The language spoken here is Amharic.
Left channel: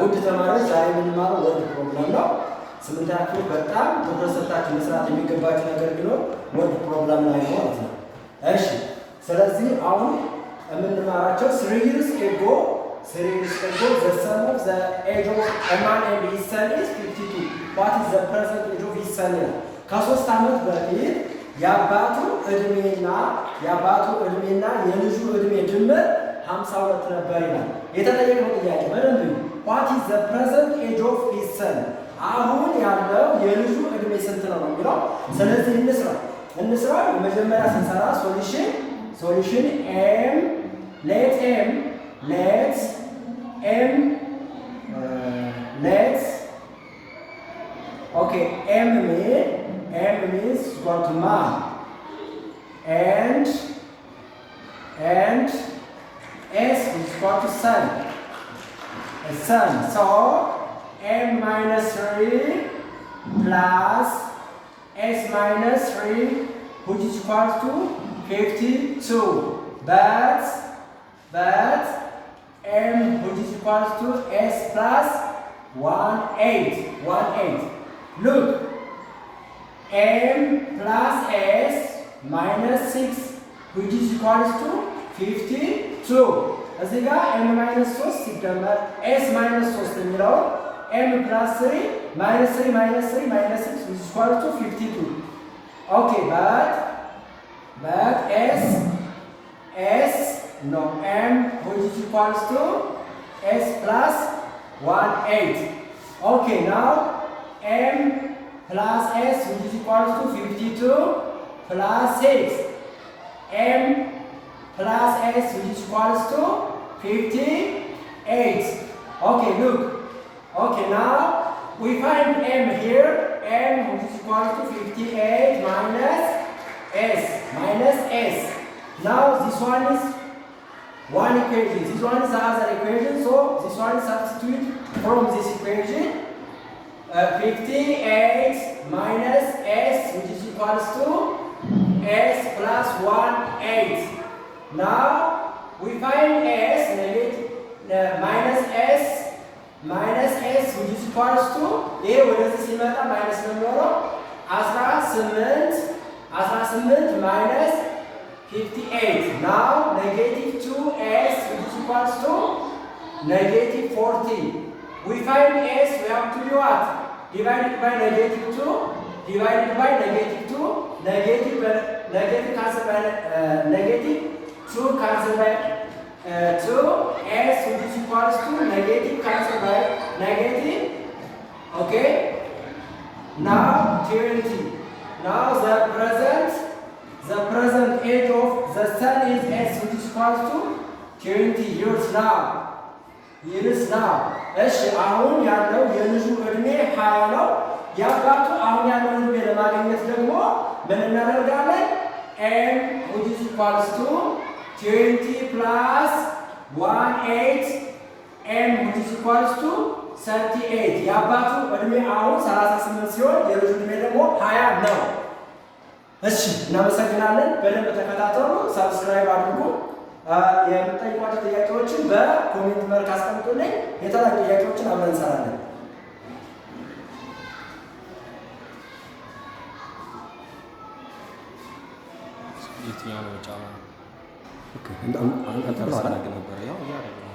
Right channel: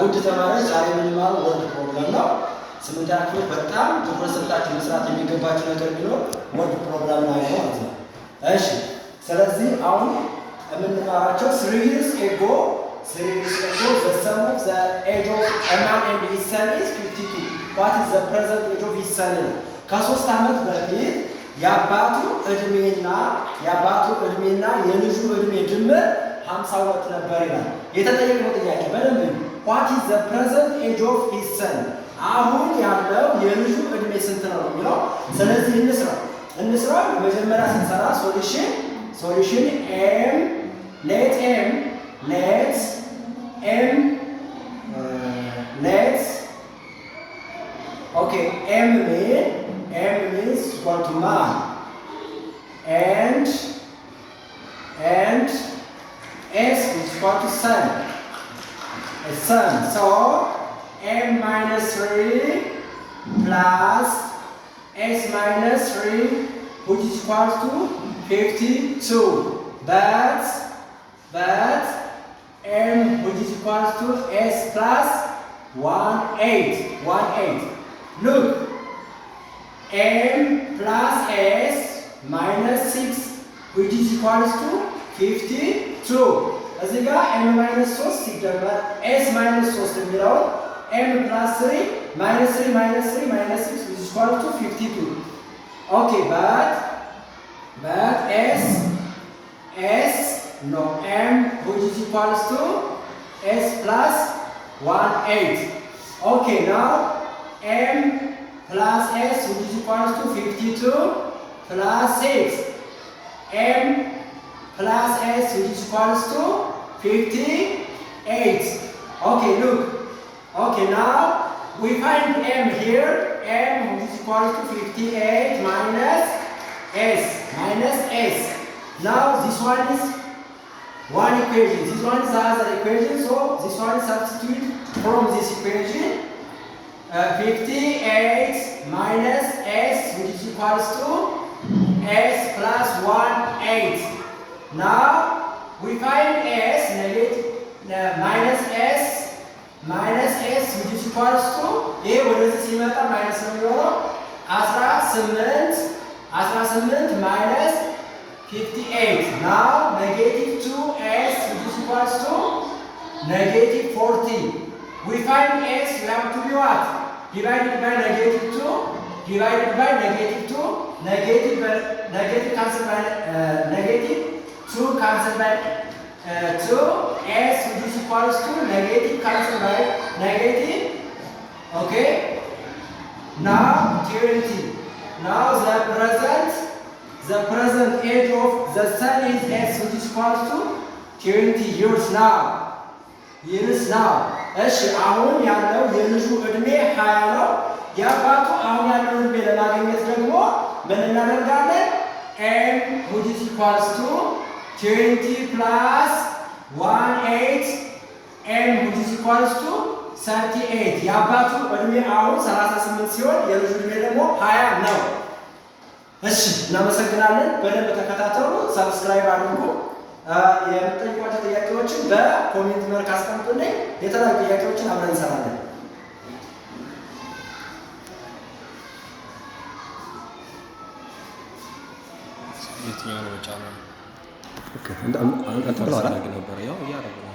ውድ ተማሪዎች ዛሬ የምንማረው ወርድ ፕሮብለም ነው። ስምንተኛ ክፍል በጣም ትኩረት ሰጥታችሁ መስራት የሚገባችሁ ነገር ቢኖር ወርድ ፕሮብለም ላይ ነው ማለት ነው። እሺ፣ ስለዚህ አሁን የምንማራቸው 3 years ago the sum of the age of a man and his son is 52. What is the present age of his son? ከ3 ዓመት በፊት የአባቱ እድሜና የልጁ እድሜ ድምር 52 ነበር ይላል። የተጠየቀው ጥያቄ በደንብ what is the present age of his son? አሁን ያለው የልጁ እድሜ ስንት ነው የሚለው። ስለዚህ እንስራ ለመጀመሪያ ስንሰራ ሶሉሽን let m means equal to man and s is equal to son. So m minus 3 plus s minus 3 which is equal to 52. But m which is equal to s plus 18. Look, m plus s minus 6 which is equal to 52. እዚህ ጋር m minus 3 ሲደመር s minus 3 የሚለው m plus 3 minus 6 which is equal to 52. Okay, but m which is equal to s plus 18. Okay, now m plus s which is equal to 52 plus 6. m plus s which is equal to 58. Okay, look. Okay, now we find m here. m which is equal to 58 minus s. Now this one is one equation. This one is the other equation. So this one is substitute from this equation. 58 minus s which is equal to s plus 18. Now we find s minus s which is equal to a ወደዚህ ሲመጣ ማይነስ ነው የሚሆነው 18 minus 58. Now negative 2s which is equal to negative 40. We find s, we have to be what? Divided by negative 2, divided by negative 2, negative cancel by negative 2 cancel by 2, s which is equal to negative cancel by negative. Okay? Now 20. Now the present age of the son is s which is equal to 20 years now. እሺ አሁን ያለው የልጁ እድሜ 20 ነው። የአባቱ አሁን ያለው እድሜ ለማግኘት ደግሞ ምን እናደርጋለን? m which is equal to 20 plus 18 m which is equal to 38. የአባቱ እድሜ አሁን 38 ሲሆን የልጁ እድሜ ደግሞ 20 ነው። እሺ እናመሰግናለን። በደንብ ተከታተሉ፣ ሰብስክራይብ አድርጉ። የምትጠይቋቸው ጥያቄዎችን በኮሜንት መልክ አስቀምጡልኝ። የተለያዩ ጥያቄዎችን አብረን እንሰራለን። የትኛው ነው ጫና? ኦኬ አንተ ነበር ያው ያረጋግጥ